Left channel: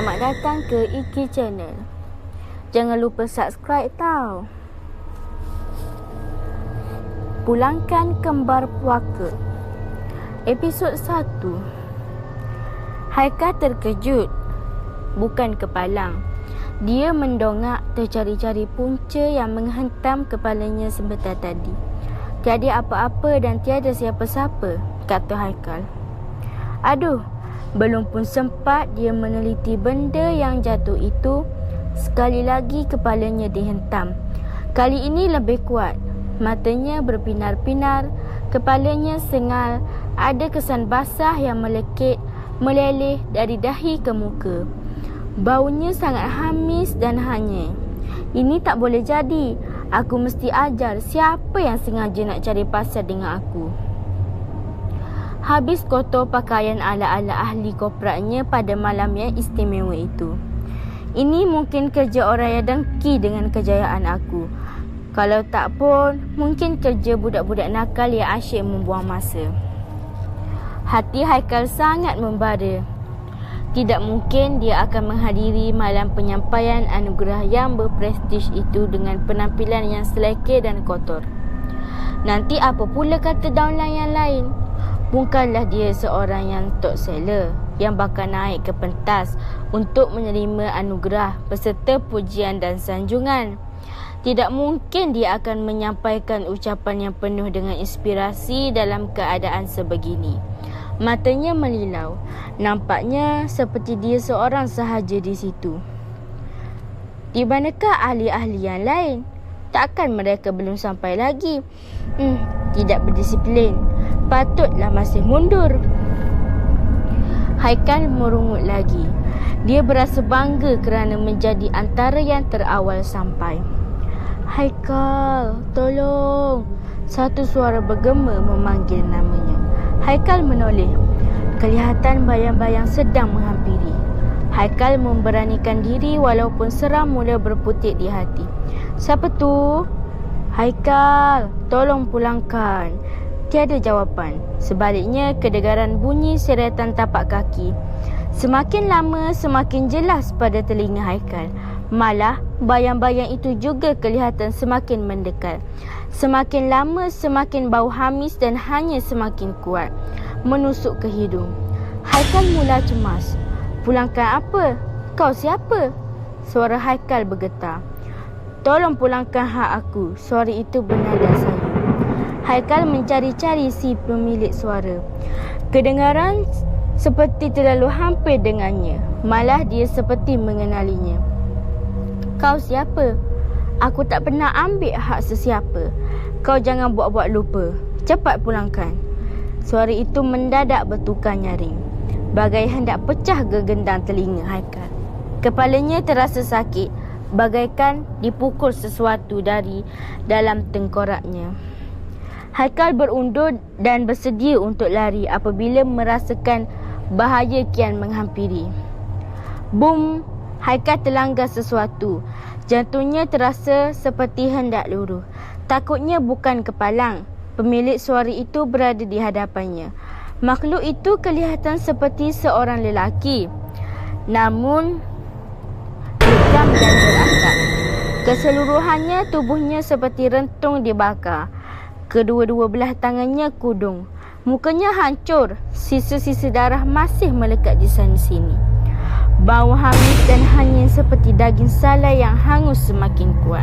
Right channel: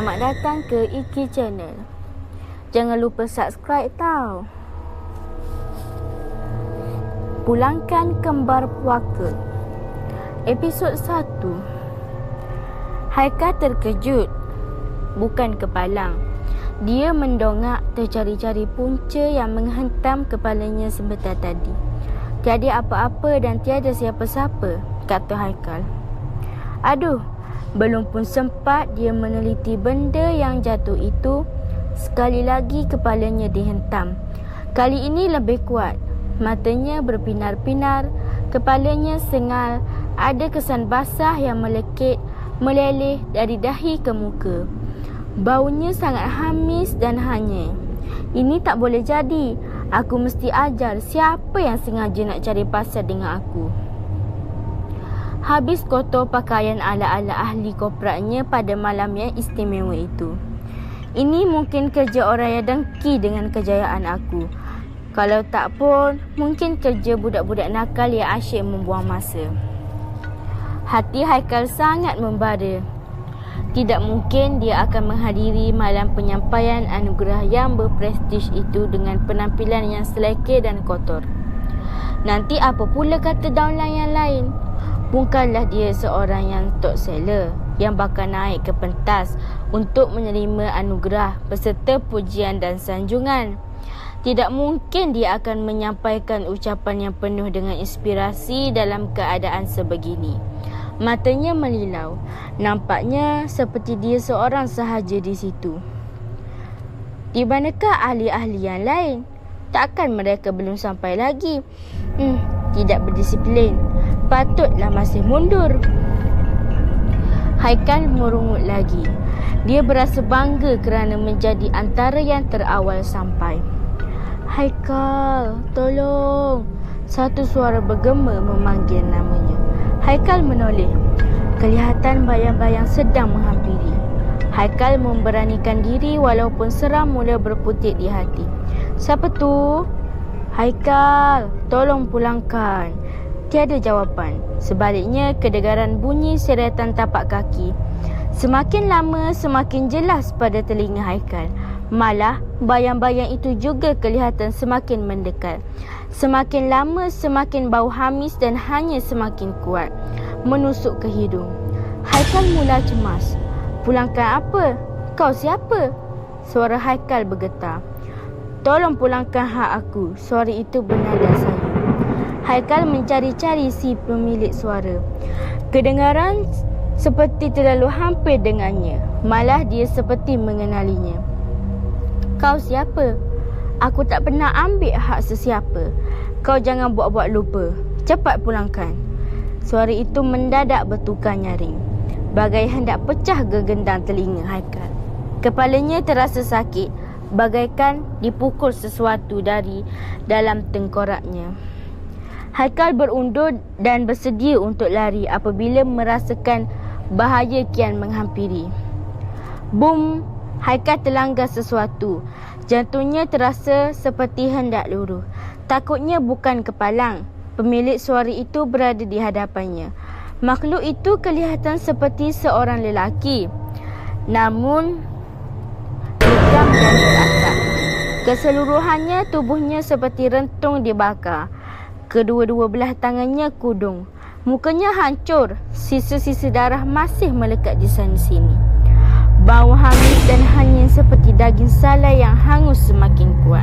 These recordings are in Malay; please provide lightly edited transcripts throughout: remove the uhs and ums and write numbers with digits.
Selamat datang ke Iki Channel. Jangan lupa subscribe tau. Pulangkan kembar puaka. Episod 1. Haikal terkejut, bukan kepalang. Dia mendongak tercari-cari punca yang menghentam kepalanya sebentar tadi. Tiada apa-apa dan tiada siapa-siapa, kata Haikal. Aduh, belum pun sempat dia meneliti benda yang jatuh itu, sekali lagi kepalanya dihentam. Kali ini lebih kuat. Matanya berpinar-pinar, kepalanya sengal, ada kesan basah yang meleleh dari dahi ke muka. Baunya sangat hamis dan hanyir. Ini tak boleh jadi. Aku mesti ajar siapa yang sengaja nak cari pasal dengan aku. Habis kotor pakaian ala-ala ahli korporatnya pada malam yang istimewa itu. Ini mungkin kerja orang yang dengki dengan kejayaan aku. Kalau tak pun, mungkin kerja budak-budak nakal yang asyik membuang masa. Hati Haikal sangat membara. Tidak mungkin dia akan menghadiri malam penyampaian anugerah yang berprestij itu dengan penampilan yang selekeh dan kotor. Nanti apa pula kata downline yang lain? Bukanlah dia seorang yang top seller yang bakal naik ke pentas untuk menerima anugerah beserta pujian dan sanjungan. Tidak mungkin dia akan menyampaikan ucapan yang penuh dengan inspirasi dalam keadaan sebegini. Matanya melilau. Nampaknya seperti dia seorang sahaja di situ. Di manakah ahli-ahli yang lain? Takkan mereka belum sampai lagi? Tidak berdisiplin. Patutlah masih mundur. Haikal merungut lagi. Dia berasa bangga kerana menjadi antara yang terawal sampai. Haikal, tolong. Satu suara bergema memanggil namanya. Haikal menoleh. Kelihatan bayang-bayang sedang menghampiri. Haikal memberanikan diri walaupun seram mula berputik di hati. Siapa tu? Haikal, tolong pulangkan. Tiada jawapan. Sebaliknya, kedengaran bunyi seretan tapak kaki. Semakin lama, semakin jelas pada telinga Haikal. Malah, bayang-bayang itu juga kelihatan semakin mendekat. Semakin lama, semakin bau hamis dan hanya semakin kuat menusuk ke hidung. Haikal mula cemas. Pulangkan apa? Kau siapa? Suara Haikal bergetar. Tolong pulangkan hak aku. Suara itu bernada sayu. Haikal mencari-cari si pemilik suara. Kedengaran seperti terlalu hampir dengannya. Malah dia seperti mengenalinya. Kau siapa? Aku tak pernah ambil hak sesiapa. Kau jangan buat-buat lupa. Cepat pulangkan. Suara itu mendadak bertukar nyaring. Bagai hendak pecah gegendang telinga Haikal. Kepalanya terasa sakit. Bagaikan dipukul sesuatu dari dalam tengkoraknya. Haikal berundur dan bersedia untuk lari apabila merasakan bahaya kian menghampiri. Bum! Haikal terlanggar sesuatu. Jantungnya terasa seperti hendak luruh. Takutnya bukan kepalang. Pemilik suara itu berada di hadapannya. Makhluk itu kelihatan seperti seorang lelaki. Namun, legam dan berasap. Keseluruhannya tubuhnya seperti rentung dibakar. Kedua-dua belah tangannya kudung. Mukanya hancur. Sisa-sisa darah masih melekat di sana-sini. Bau hamis dan hanyir seperti daging salai yang hangus semakin kuat.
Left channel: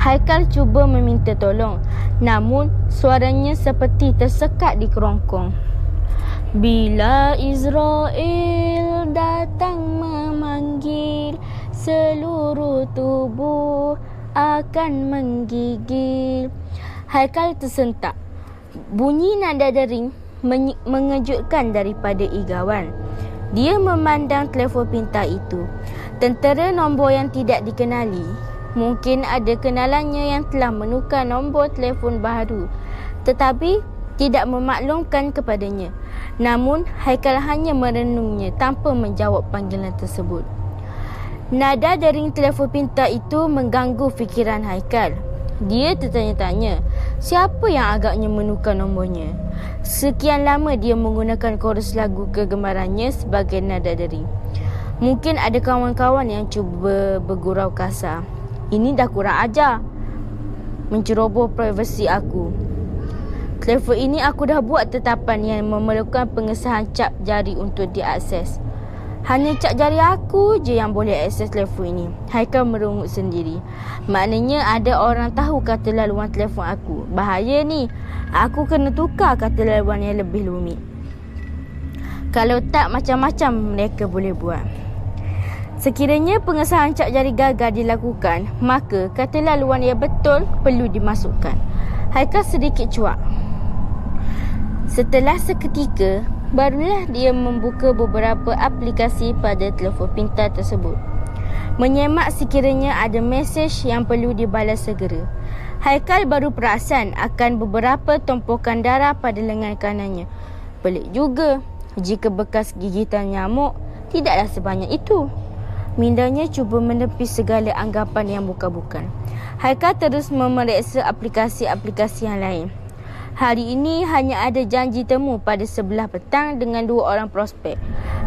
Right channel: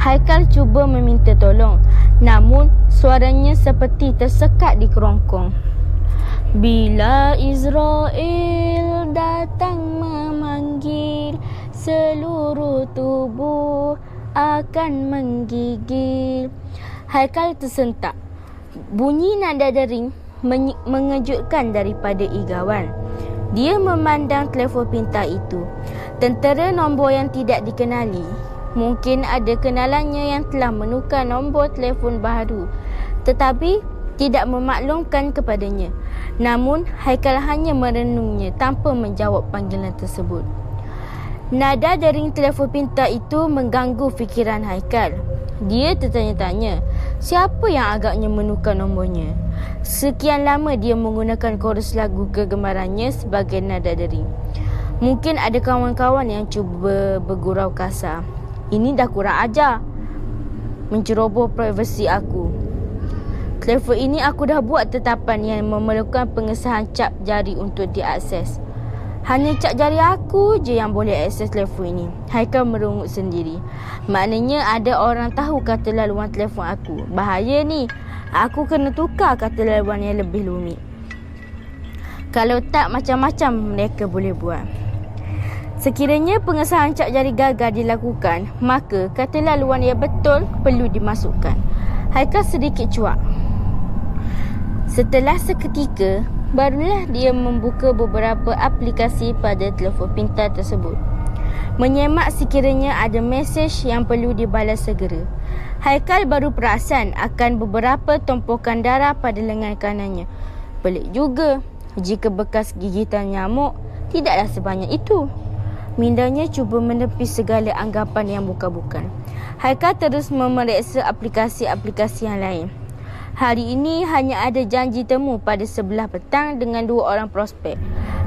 Haikal cuba meminta tolong, namun suaranya seperti tersekat di kerongkong. Bila Israel datang memanggil, seluruh tubuh akan menggigil. Haikal tersentak. Bunyi nada dering mengejutkan daripada igawan. Dia memandang telefon pintar itu. Tentera nombor yang tidak dikenali. Mungkin ada kenalannya yang telah menukar nombor telefon baru, tetapi tidak memaklumkan kepadanya. Namun, Haikal hanya merenungnya tanpa menjawab panggilan tersebut. Nada dering telefon pintar itu mengganggu fikiran Haikal. Dia tertanya-tanya, siapa yang agaknya menukar nombornya? Sekian lama dia menggunakan chorus lagu kegemarannya sebagai nada dering. Mungkin ada kawan-kawan yang cuba bergurau kasar. Ini dah kurang ajar, menceroboh privasi aku. Telefon ini aku dah buat tetapan yang memerlukan pengesahan cap jari untuk diakses. Hanya cap jari aku je yang boleh akses telefon ini. Haikal merungut sendiri. Maknanya ada orang tahu kata laluan telefon aku. Bahaya ni. Aku kena tukar kata laluan yang lebih rumit. Kalau tak, macam-macam mereka boleh buat. Sekiranya pengesahan cap jari gagal dilakukan, maka kata laluan yang betul perlu dimasukkan. Haikal sedikit cuak. Setelah seketika, barulah dia membuka beberapa aplikasi pada telefon pintar tersebut. Menyemak sekiranya ada mesej yang perlu dibalas segera. Haikal baru perasan akan beberapa tumpukan darah pada lengan kanannya. Pelik juga, jika bekas gigitan nyamuk tidaklah sebanyak itu. Mindanya cuba menepis segala anggapan yang bukan-bukan. Haikal terus memeriksa aplikasi-aplikasi yang lain. Hari ini hanya ada janji temu pada 11 petang dengan 2 orang prospek.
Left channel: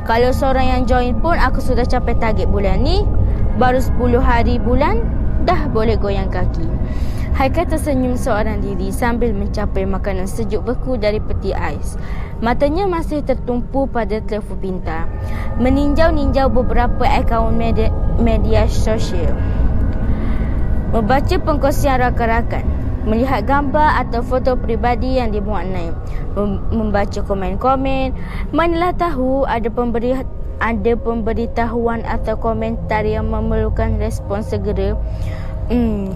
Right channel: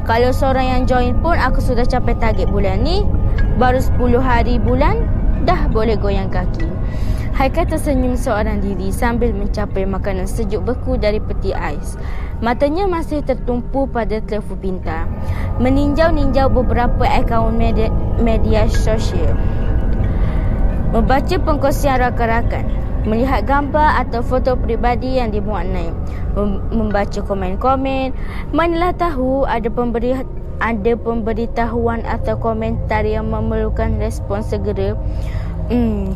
Kalau seorang yang join pun aku sudah capai target bulan ni. Baru 10 hari bulan, dah boleh goyang kaki. Haikal tersenyum seorang diri sambil mencapai makanan sejuk beku dari peti ais. Matanya masih tertumpu pada telefon pintar, meninjau-ninjau beberapa akaun media sosial. Membaca pengkongsian rakan-rakan, melihat gambar atau foto peribadi yang dimuat naik, membaca komen-komen, manalah tahu ada pemberitahuan atau komentar yang memerlukan respon segera.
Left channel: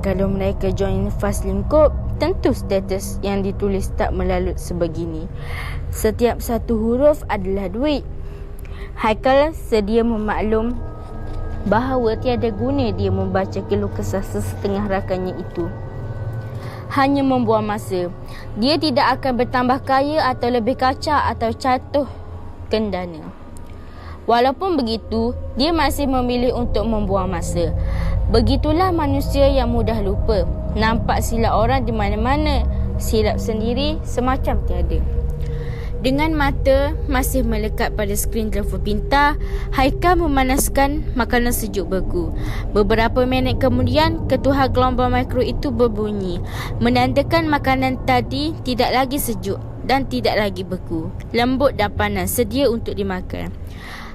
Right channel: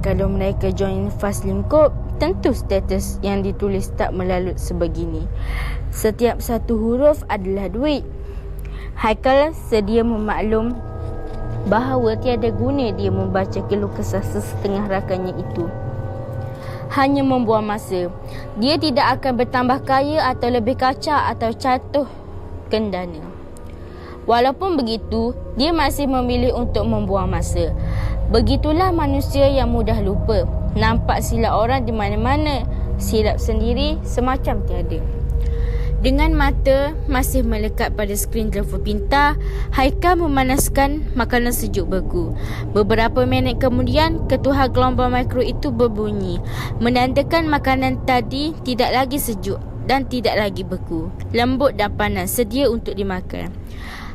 Kalau mereka join fast lingkup, tentu status yang ditulis tak melalut sebegini. Setiap satu huruf adalah duit. Haikal sedia memaklum bahawa tiada guna dia membaca keluh kesah sesetengah rakannya itu. Hanya membuang masa. Dia tidak akan bertambah kaya atau lebih kacak atau jatuh kendana. Walaupun begitu, dia masih memilih untuk membuang masa. Begitulah manusia yang mudah lupa. Nampak silap orang di mana-mana, silap sendiri semacam tiada. Dengan mata masih melekat pada skrin telefon pintar, Haikal memanaskan makanan sejuk beku. Beberapa minit kemudian, ketuhar gelombang mikro itu berbunyi, menandakan makanan tadi tidak lagi sejuk dan tidak lagi beku. Lembut dan panas, sedia untuk dimakan.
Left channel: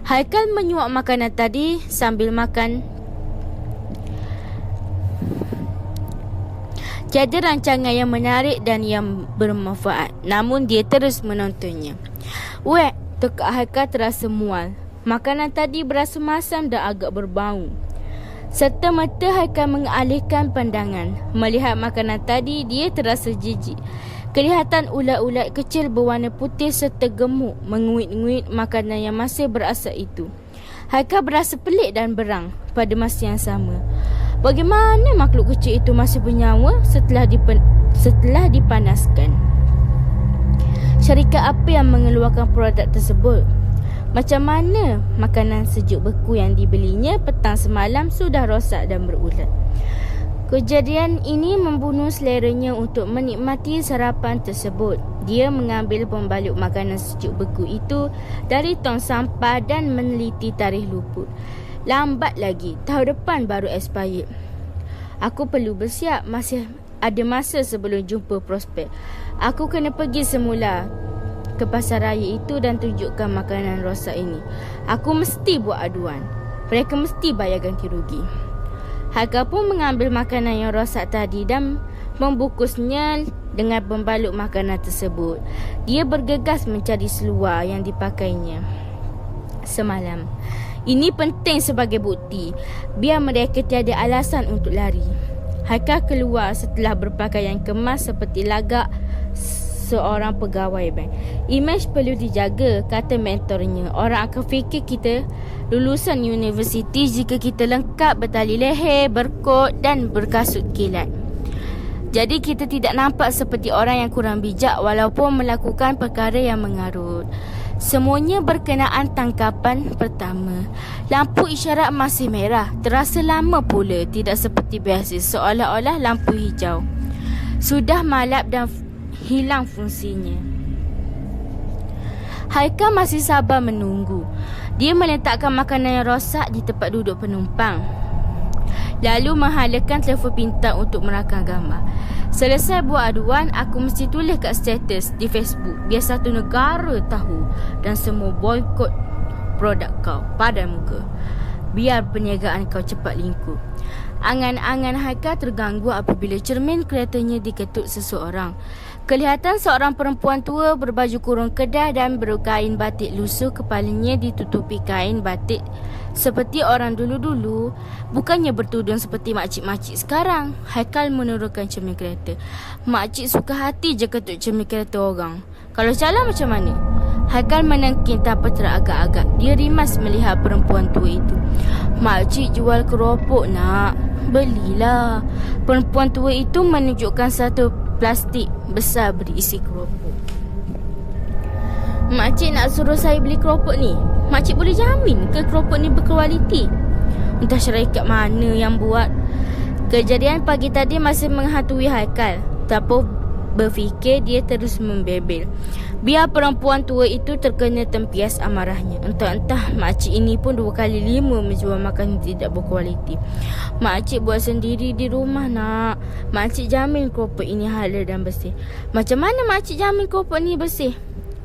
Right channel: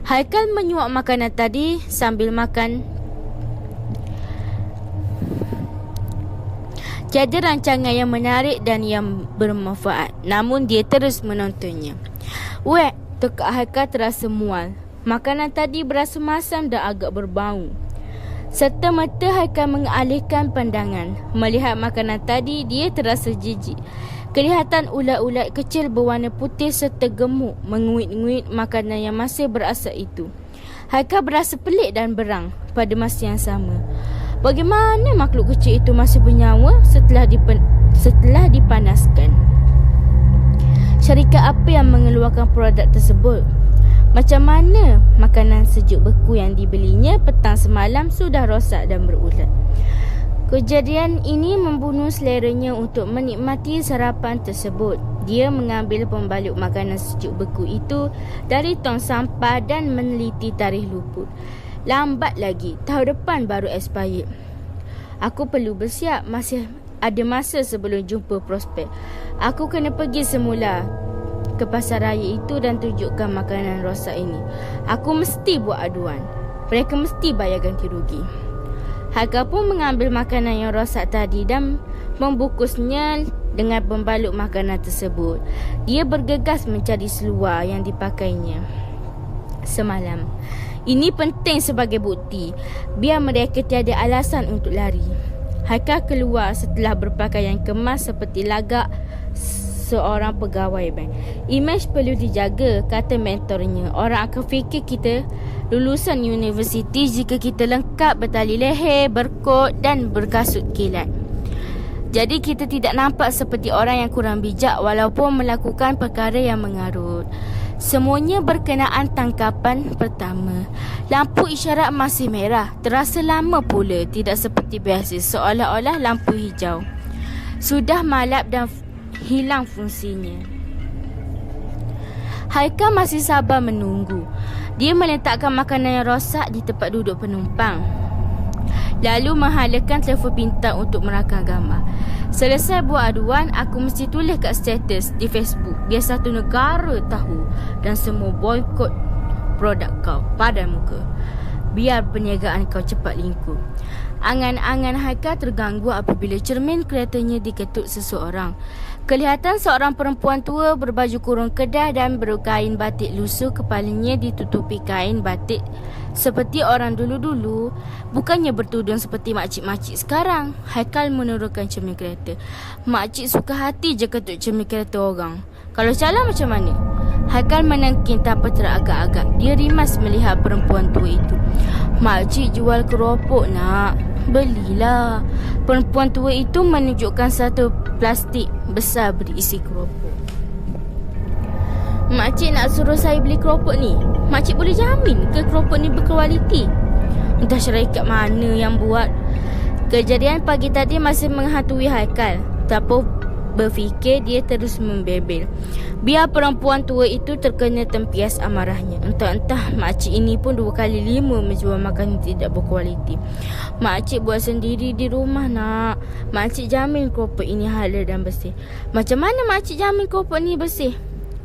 Haikal menyuap makanan tadi sambil makan. Tiada rancangan yang menarik dan yang bermanfaat, namun dia terus menontonnya. Wek, tekak Haikal terasa mual. Makanan tadi berasa masam dan agak berbau. Serta-merta Haikal mengalihkan pandangan. Melihat makanan tadi, dia terasa jijik. Kelihatan ulat-ulat kecil berwarna putih serta gemuk menguit-nguit makanan yang masih berasap itu. Haikal berasa pelik dan berang pada masa yang sama. Bagaimana makhluk kecil itu masih bernyawa setelah dipanaskan? Syarikat apa yang mengeluarkan produk tersebut? Macam mana makanan sejuk beku yang dibelinya petang semalam sudah rosak dan berulat? Kejadian ini membunuh seleranya untuk menikmati sarapan tersebut. Dia mengambil pembalut makanan sejuk beku itu dari tong sampah dan meneliti tarikh luput. Lambat lagi, tahun depan baru expired. Aku perlu bersiap, masih ada masa sebelum jumpa prospek. Aku kena pergi semula ke pasar raya itu dan tunjukkan makanan rosak ini. Aku mesti buat aduan. Mereka mesti bayar ganti rugi. Haikal pun mengambil makanan yang rosak tadi dan membungkusnya dengan pembalut makanan tersebut. Dia bergegas mencari seluar yang dipakainya semalam. Ini penting sebagai bukti, biar mereka tiada alasan untuk lari. Haikal keluar setelah berpakaian kemas seperti lagak seorang pegawai bank. Imej perlu dijaga, kata mentornya. Orang akan fikir kita lulusan universiti jika kita lengkap bertali leher, berkot dan berkasut kilat. Jadi kita tidak nampak seperti orang yang kurang bijak walaupun melakukan perkara yang mengarut. Semuanya berkenaan tangkapan pertama. Lampu isyarat masih merah. Terasa lama pula, tidak seperti biasa, seolah-olah lampu hijau sudah malap dan hilang fungsinya. Haikal masih sabar menunggu. Dia meletakkan makanan yang rosak di tempat duduk penumpang, lalu menghalakan telefon pintar untuk merakam gambar. Selesai buat aduan, aku mesti tulis kat status di Facebook biar satu negara tahu dan semua boykot produk kau pada muka. Biar perniagaan kau cepat lingkup. Angan-angan Haikal terganggu apabila cermin keretanya diketuk seseorang. Kelihatan seorang perempuan tua berbaju kurung kedah dan berkain batik lusuh, kepalanya ditutupi kain batik seperti orang dulu-dulu, bukannya bertudung seperti makcik-makcik sekarang. Haikal menurunkan cermin kereta. Makcik suka hati je ketuk cermin kereta orang. Kalau salah macam mana? Haikal menengking tanpa teragak-agak. Dia rimas melihat perempuan tua itu. Makcik jual keropok nak. Belilah. Perempuan tua itu menunjukkan satu plastik besar berisi keropok. Makcik nak suruh saya beli keropok ni. Makcik boleh jamin ke keropok ni berkualiti? Entah syarikat mana yang buat. Kejadian pagi tadi masih menghantui Haikal. Tanpa berfikir, dia terus membebel. Biar perempuan tua itu terkena tempias amarahnya. Entah-entah makcik ini pun 2 kali 5 menjual makanan tidak berkualiti. Makcik buat sendiri di rumah nak. Makcik jamin keropok ini halal dan bersih. Macam mana makcik jamin keropok ni bersih?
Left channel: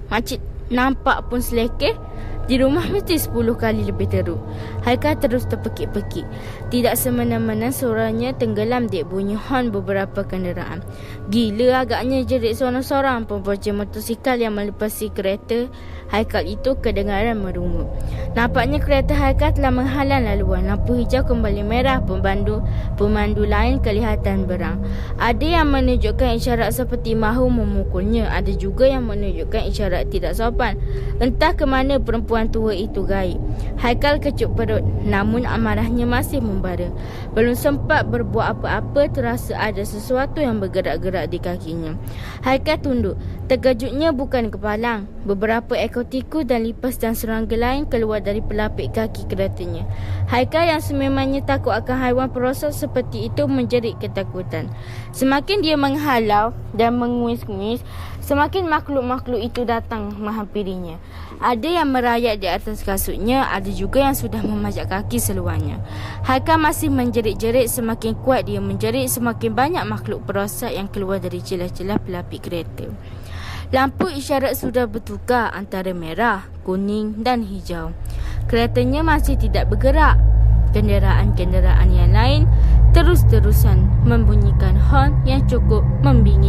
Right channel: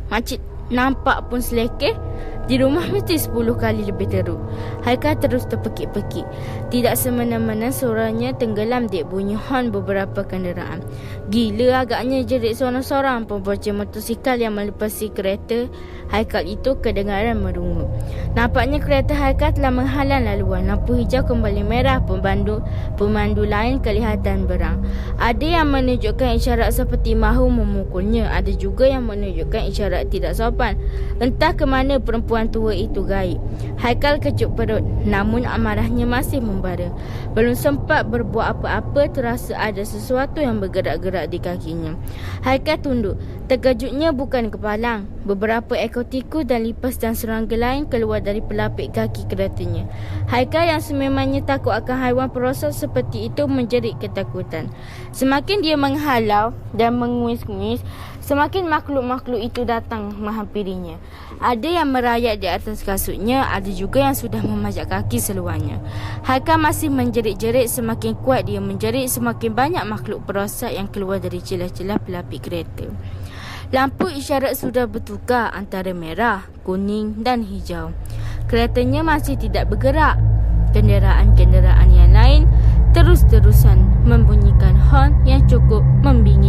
Makcik nampak pun selekeh. Di rumah mesti 10 kali lebih teruk. Haikal terus terpekik-pekik. Tidak semena-mena suaranya tenggelam di bunyi hon beberapa kenderaan. Gila agaknya jerit seorang-seorang pembonceng motosikal yang melepasi kereta Haikal itu kedengaran merungut. Nampaknya kereta Haikal telah menghalang laluan. Lampu hijau kembali merah. Pemandu lain kelihatan berang. Ada yang menunjukkan isyarat seperti mahu memukulnya. Ada juga yang menunjukkan isyarat tidak sopan. Entah ke mana perempuan tua itu gaib. Haikal kecut perut, namun amarahnya masih membara. Belum sempat berbuat apa-apa, terasa ada sesuatu yang bergerak-gerak di kakinya. Haikal tunduk. Terkejutnya bukan kepalang. Beberapa ekor tikus dan lipas dan serangga lain keluar dari pelapik kaki keretanya. Haikal yang sememangnya takut akan haiwan perosak seperti itu menjerit ketakutan. Semakin dia menghalau dan menguis-nguis, semakin makhluk-makhluk itu datang menghampirinya. Ada yang merayap di atas kasutnya, ada juga yang sudah memajak kaki seluarnya. Haikal masih menjerit-jerit. Semakin kuat dia menjerit, semakin banyak makhluk perosak yang keluar dari celah-celah pelapik kereta. Lampu isyarat sudah bertukar antara merah, kuning dan hijau. Keretanya masih tidak bergerak. Kenderaan-kenderaan yang lain terus-terusan membunyikan hon yang cukup membingit